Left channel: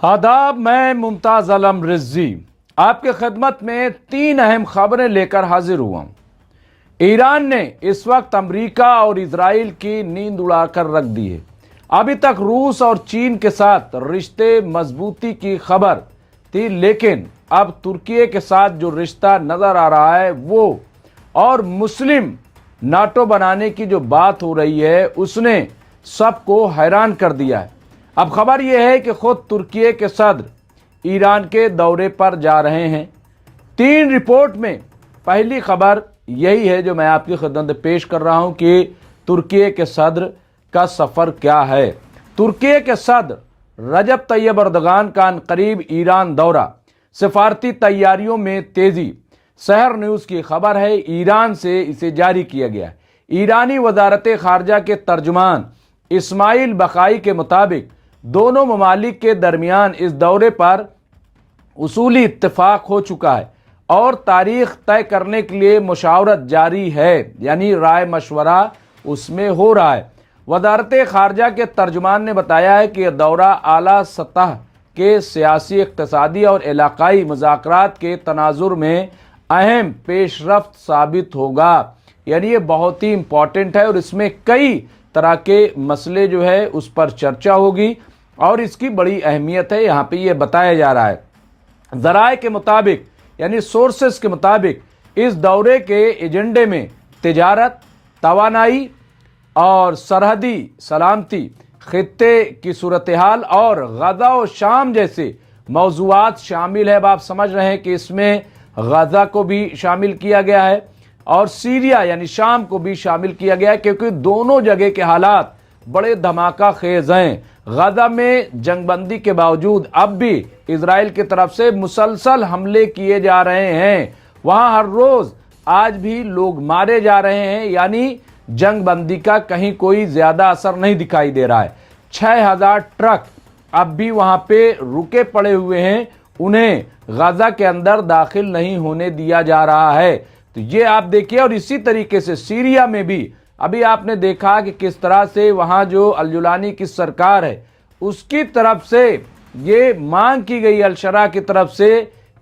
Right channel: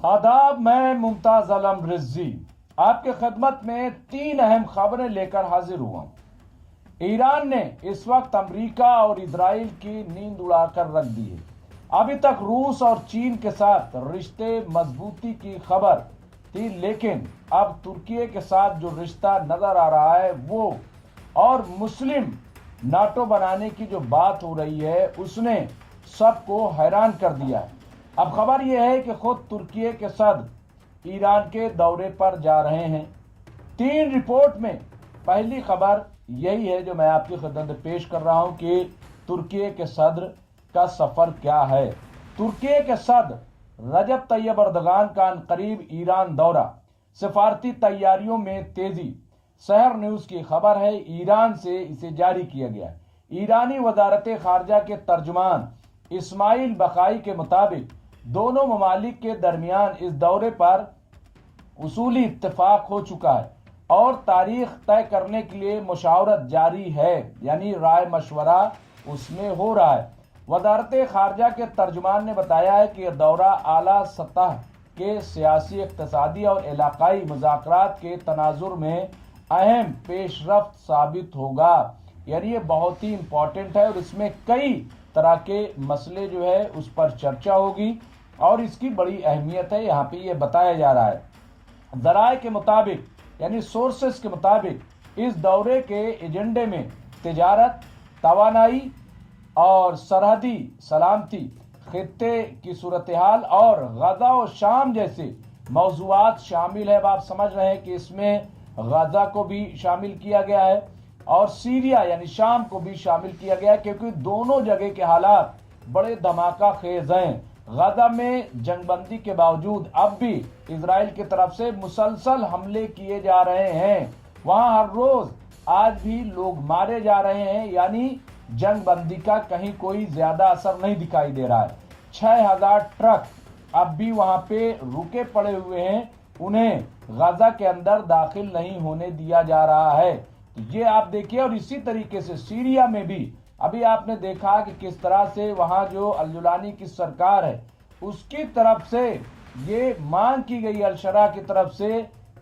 आदाब, मैं मुमताज आलम रिजवी आपके खिदमत में 3 अहम खबरें लेकर हाजिर हुआ हूं। ईरान ने इस वक्त अमेरिका और इजराइल की नींद उड़ाकर रख दी है। अभी तक रूस और चीन के साथ रिश्ते मजबूती की खबर थी, लेकिन अब तुर्की के साथ जो रिश्ता नजर आ रहा है वो और मुस्लिम नाटो बनाने की जो बात हो रही है उसने सबको हैरान कर दिया है। अब खबर यह है कि खुद तुर्की के सदर ईरान के दौरे पर जा रहे हैं। 3 रिपोर्ट में पहली खबर यही है जो मैं आपकी खिदमत में पेश कर रहा हूं कि तुर्की के सदर का सफर क्या है। तुर्की के सदर रजब तैयब अर्दगान का करीब ईरान दौरा, सिफारती तैयारियों में तेजी। शहर न्यूज की खबर है, ईरान से इसे जारी किया गया है। ईरानी वजारत खारजा के तर्जुमान इस्माइल बकाई के मुताबिक दोनों ममालिक के दरमियान इस दौरे पर उसूली इत्तेफाक हो चुका है और तारीख तय करने के लिए मुशावरत जारी है, यानी राय मशवरा उसमें हो रहा है। वजारत खारजा के तर्जुमान ने बताया है कि यह दौरा आला सतह के सियासी, इक्तिसादी और इलाकाई मुज़ाकरात के तनाजुर में अहम पेशरफ्त साबित होगा, यानी ये बहुत ही इम्पॉर्टेंट है और इसमें कई तरह के मसले जो है उस पर चर्चा होगी और इसकी बड़ी अहमियत है। यहाँ पे ये बताया जा रहा है, ज़राए के मुताबिक यानी सोर्सेस के मुताबिक इस दौरे के एजेंडे में तिजारत, तवानाई और सरहदी सलामती, खित्ते की सूरत हाल और गजा और शाम जैसे मौजूआत शामिल है। अब आप समझ रहे हैं कि इसमें गजा को भी शामिल किया गया है और सीरिया यानी शाम को भी शामिल किया गया है, क्योंकि दोनों जगह के हालात बड़े धमाका खेज हैं। गजा में जंगबंदी के बावजूद अब भी इजराइल की तरफ से मुसलसल हमले किए जा रहे हैं। वहां हर रोज आज भी लोग मारे जा रहे हैं, यानी जंगबंदी का कहीं कोई ज्यादा असर नहीं दिखाई दे रहा है। 6000 ट्रक अब भी वहां पे रुके पड़े हुए हैं, उन्हें गजा के अंदर दाखिल नहीं होने दिया जा रहा है। तो ये आप देखिए, और इसी तरीके से सीरिया में भी अभी आपने देखा कि किस तरह से वहां जो अल-जुलानी की सरकार है उसकी तरफ से ये मांग की गई अल-शरा की तरफ से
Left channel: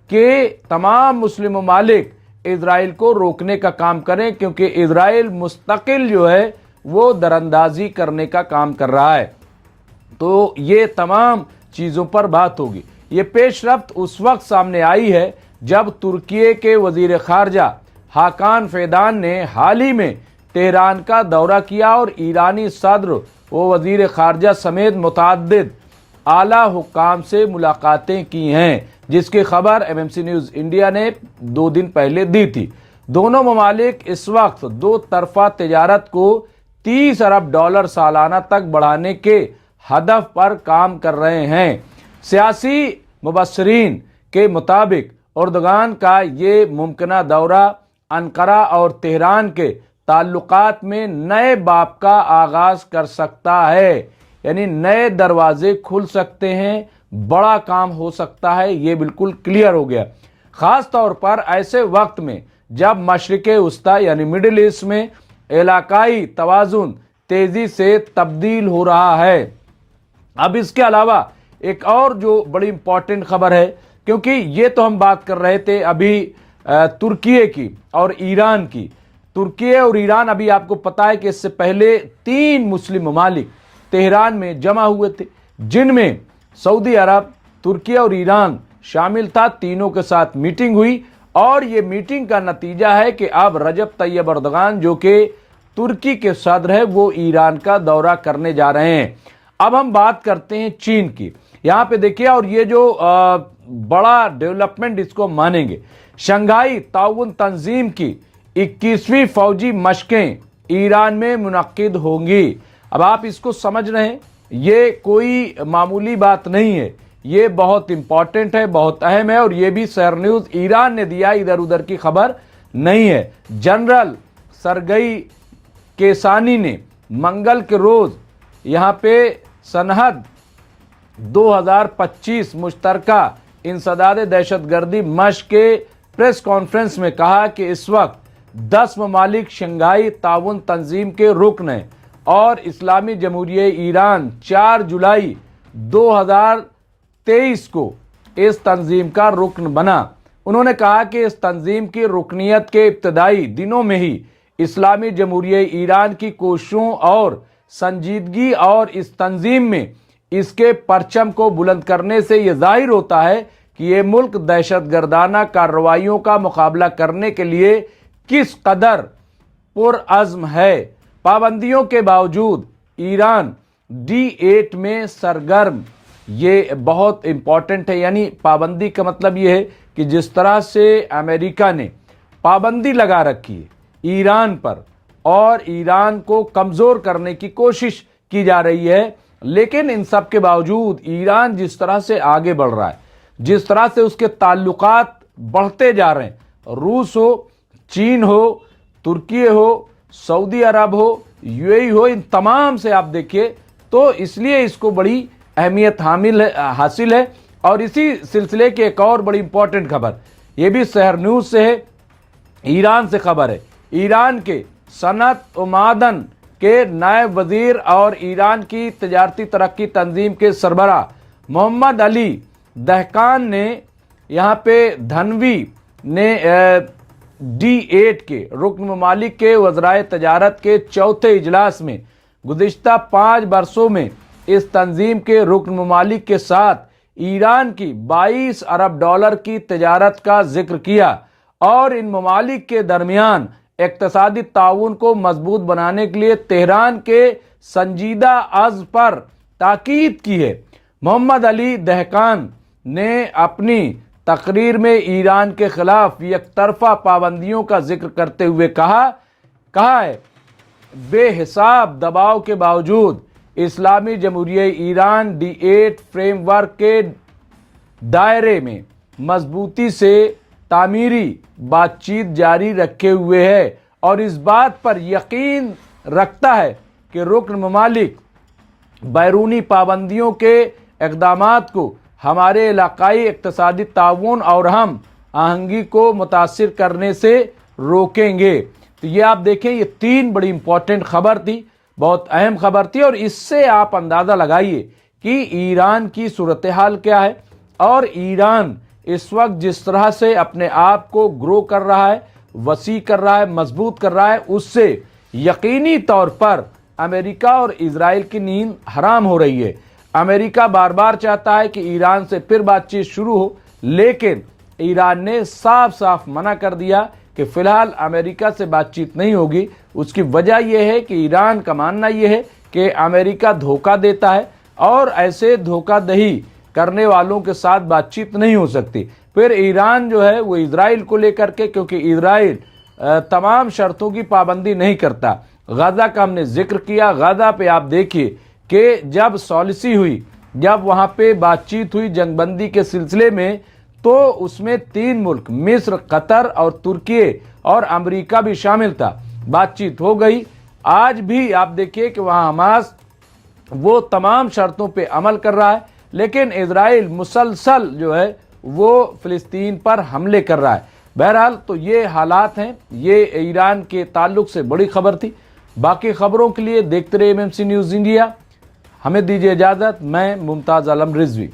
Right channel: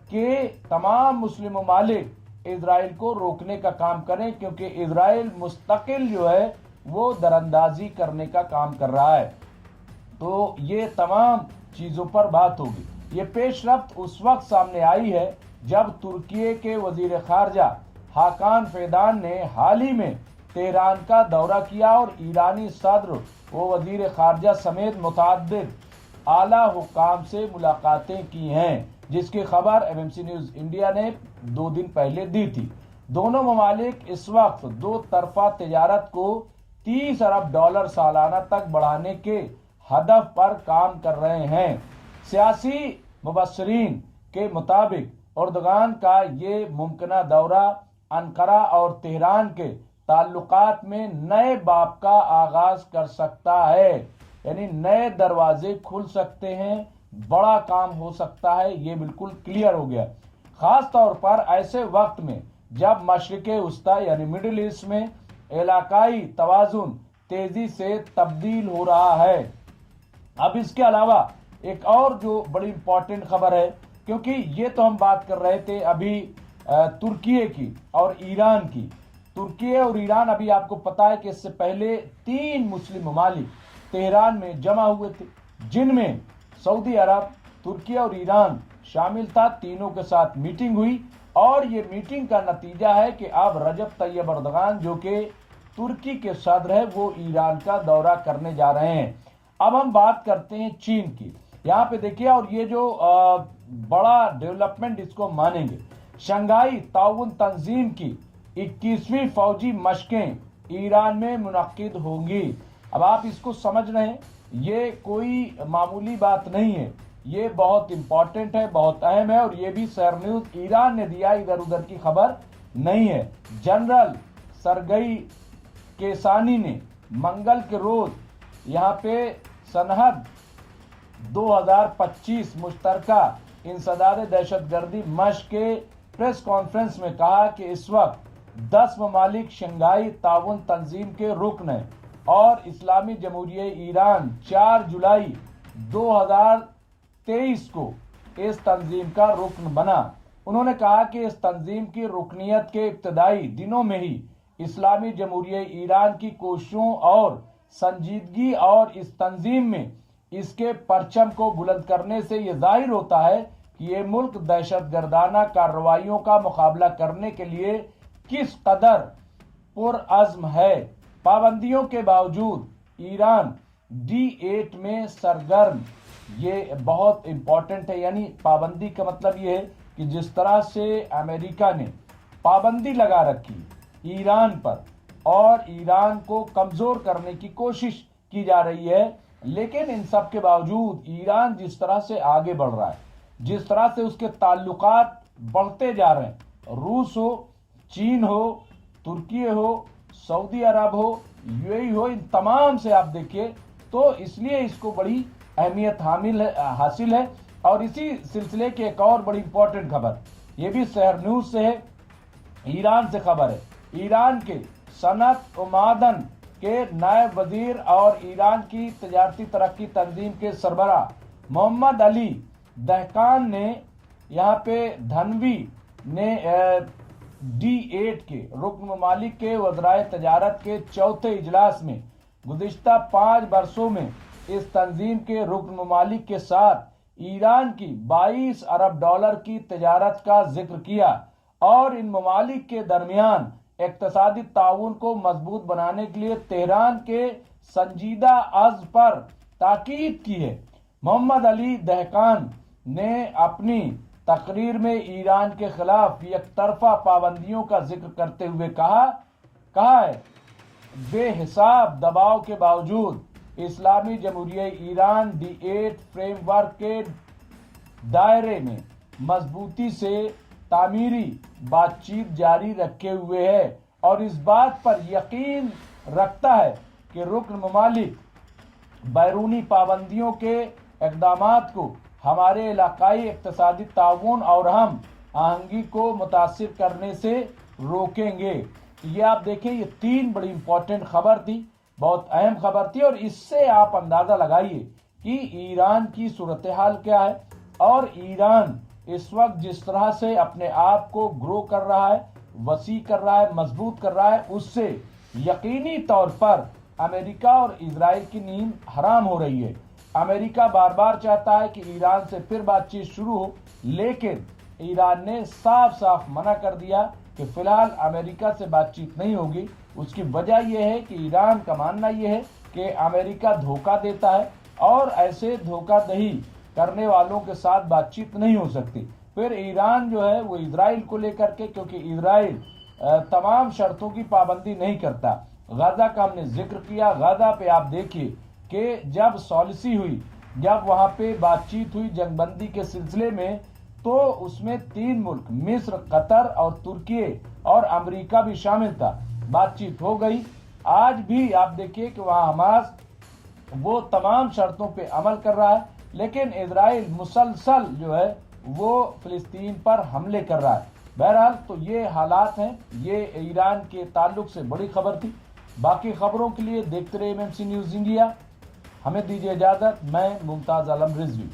कि तमाम मुस्लिम ममालिक इजराइल को रोकने का काम करें, क्योंकि इजराइल मुस्तकिल जो है वो दरअंदाजी करने का काम कर रहा है। तो ये तमाम चीज़ों पर बात होगी। ये पेशरफ्त उस वक्त सामने आई है जब तुर्की के वजीर खारजा हाकान फैदान ने हाल ही में तेहरान का दौरा किया और ईरानी सदर व वजीर खारजा समेत मुतअद्दिद आला हुक्काम से मुलाकातें की हैं, जिसकी खबर एमएमसी न्यूज़ इंडिया ने 2 दिन पहले दी थी। दोनों ममालिक इस वक्त 2 तरफा तिजारत को $30 अरब सालाना तक बढ़ाने के हदफ पर काम कर रहे हैं। सियासी मुबस्सरीन के मुताबिक अर्दगान का ये मुमकिना दौरा अंकारा और तेहरान के ताल्लुकात में नए बाब का आगाज कर सकता है, यानी नए दरवाजे खुल सकते हैं, बड़ा काम हो सकता है। ये बिल्कुल क्लियर हो गया, खास तौर पर ऐसे वक्त में जब मशरिक़ वस्ता यानी मिडिल ईस्ट में इलाकाई तवाज़ुन तेजी से तब्दील हो रहा है। अब इसके अलावा एक और जो बड़ी इंपॉर्टेंट खबर है, क्योंकि ये तो हम बात कर रहे थे अभी तुर्की की और ईरान की। तुर्की और ईरान, अभी आपको पता है कि इससे पहले 3 मुस्लिम ममालिक तेहरान में जमा हुए थे, जिनमें सऊदी अरब, तुर्की और ईरान शामिल था। तीनों के साथ मीटिंग हुई और ये मीटिंग का नतीजा है कि अब रजब तैयब अर्दगान जो कि तुर्की के सदर है वो ईरान का दौरा करने जा रहे हैं। अब हम बात करते हैं चीन की। यहाँ पे देखिए, और ये जो बड़ा डेवलपमेंट इसको मानेंगे, शंघाई ताउन तंजीम की 21वीं फौजी मशकें ईरान में मुनक्किद होंगी। अब आप इसको समझ रहे हैं, ये कोई मामूली बात नहीं है, ये बहुत इंपॉर्टेंट है, बहुत अहम है और ये भी शहर न्यूज़ ईरान ने दिया, इधर उधर की खबर नहीं है। जनरल सरगई केसानी ने मंगल के रोज यहाँ पे सनहद 2025 मुश्तरका इंसदाद दहशतगर्दी मश्क के प्रेस कॉन्फ्रेंस में कहा कि इस वक्त 10 ममालिक शंघाई ताउन तंजीम के रुकन हैं और इस्लामी जमहूरिया ईरान 4 जुलाई 23 को इस तंजीम का रुकन बना। उन्होंने कहा कि इस तंजीम की रुकनियत के इब्तदाई दिनों में ही इस्लामी जमहूरिया ईरान की कोशिशों और संजीदगी और इस तंजीम में इसके परचम को बुलंद करने से ये जाहिर होता है कि ये मुल्क दहशतगर्दाना कार्रवाइयों का मुकाबला करने के लिए किस कदर पुरअज़्म है। पाबंदियों के बावजूद ईरान D8 में सरगर्म, ये बहुत इम्पॉर्टेंट है। यानी पाबंदी का मतलब ये है कि जिस तरह से अमेरिका ने पाबंदी लगा रखी है ईरान पर और ईरान को कमज़ोर करने की कोशिश की जा रही है, लेकिन इन सब के बावजूद ईरान जिस तरह से आगे बढ़ रहा है, जिस तरह से उसके ताल्लुकात बढ़ते जा रहे हैं, रूस हो, चीन हो, तुर्की हो, सऊदी अरब हो, UAE हो, इन तमाम से आप देखिए तो इसलिए इसको बड़ी अहमियत हासिल है। और इसी सिलसिले की एक और बड़ी इंपॉर्टेंट खबर, ये भी शहर न्यूज़ से है, ईरान से खबर है। ईरान के सनत व मादन के नायब वजीर और ईरान की तजारती तरक्की तंजीम के सरबराह मोहम्मद अली दहकान ने यहाँ पे धनवी ने D8 के रुकन ममालिक के वज़राए तजारत के चौथे इजलास में गुज़िश्ता 5 बरसों में इस तंजीम के रुकन ममालिक के साथ ईरान की 22 अरब डॉलर की तजारत का जिक्र किया और इन ममालिक के दरमियान इक़्तिसादी ताउन को मजबूत बनाने के लिए तेहरान के संजीदा अज़्म पर ताकीद की है। मोहम्मद अली दहकान ने अपनी तकरीर में ईरान के खिलाफ एकतरफा पाबंदियों का जिक्र करते हुए कहा है, बेहिसाब दबाव के बावजूद इस्लामी जमहूरिया ईरान D8 फ्रेमवर्क के दायरे में मजबूती से तामीरी बातचीत जारी रखे हुए है और इस बात पर यकीन रखता है कि रुकन ममालिक बैरूनी पाबंदियों के इक़दामात को हमारे इलाकाई इक़्तिसादी ताउन और हम आहंगी को मुतासिर करने से रोकेंगे। तो ये आप देखें, ये 3 बड़ी इंपॉर्टेंट खबर थी, बहुत अहम खबर थी और इससे आप अंदाज़ा लगाइए कि ईरान की सूरत हाल क्या है और ईरान इस वक्त जिस तरह से अपने आप को ग्रो कर रहा है, वसी कर रहा है, मजबूत कर रहा है, उससे यकीनी तौर पर अमेरिका और इजराइल की नींद हराम हो रही है। अमेरिका बार बार चाहता है कि ईरान से फिर बातचीत शुरू हो, लेकिन ईरान ने साफ साफ मना कर दिया कि फ़िलहाल अमेरिका से बातचीत नहीं होगी। उसकी वजह यह है कि ईरान का मानना यह है कि अमेरिका धोखा देता है और ऐसे धोखादही करने वालों के साथ बातचीत नहीं हो सकती। फिर ईरान जो है वो इजराइल को लेकर के, क्योंकि इजराइल तमाम शर्तों की पाबंदी नहीं करता। गाज़ा का हमने जिक्र किया, गाज़ा पे आप देखिए कि जब सॉलिसी हुई, जब वहाँ पे बातचीत हुई जंगबंदी के सिलसिले में, तो उसमें 3 मुल्क मिस्र, कतर और तुर्की और अमेरिका भी शामिल था। बातचीत हो गई। आज भी आप देखिए कि वहाँ हमास वो तमाम शर्तों पे अमल कर रहा है, लेकिन इजराइल मुसलसल जो है वो फ़िलिस्तीन पर हमले कर रहा है। बहरहाल तो ये हालात हैं, ये ईरान के ताल्लुक से बड़ी खबर थी। बाकी खबरों के लिए देखते रहिए MMC न्यूज़ इंडिया। हमें दीजिए इजाज़त। मैं मुमताज़ आलम रिजवी।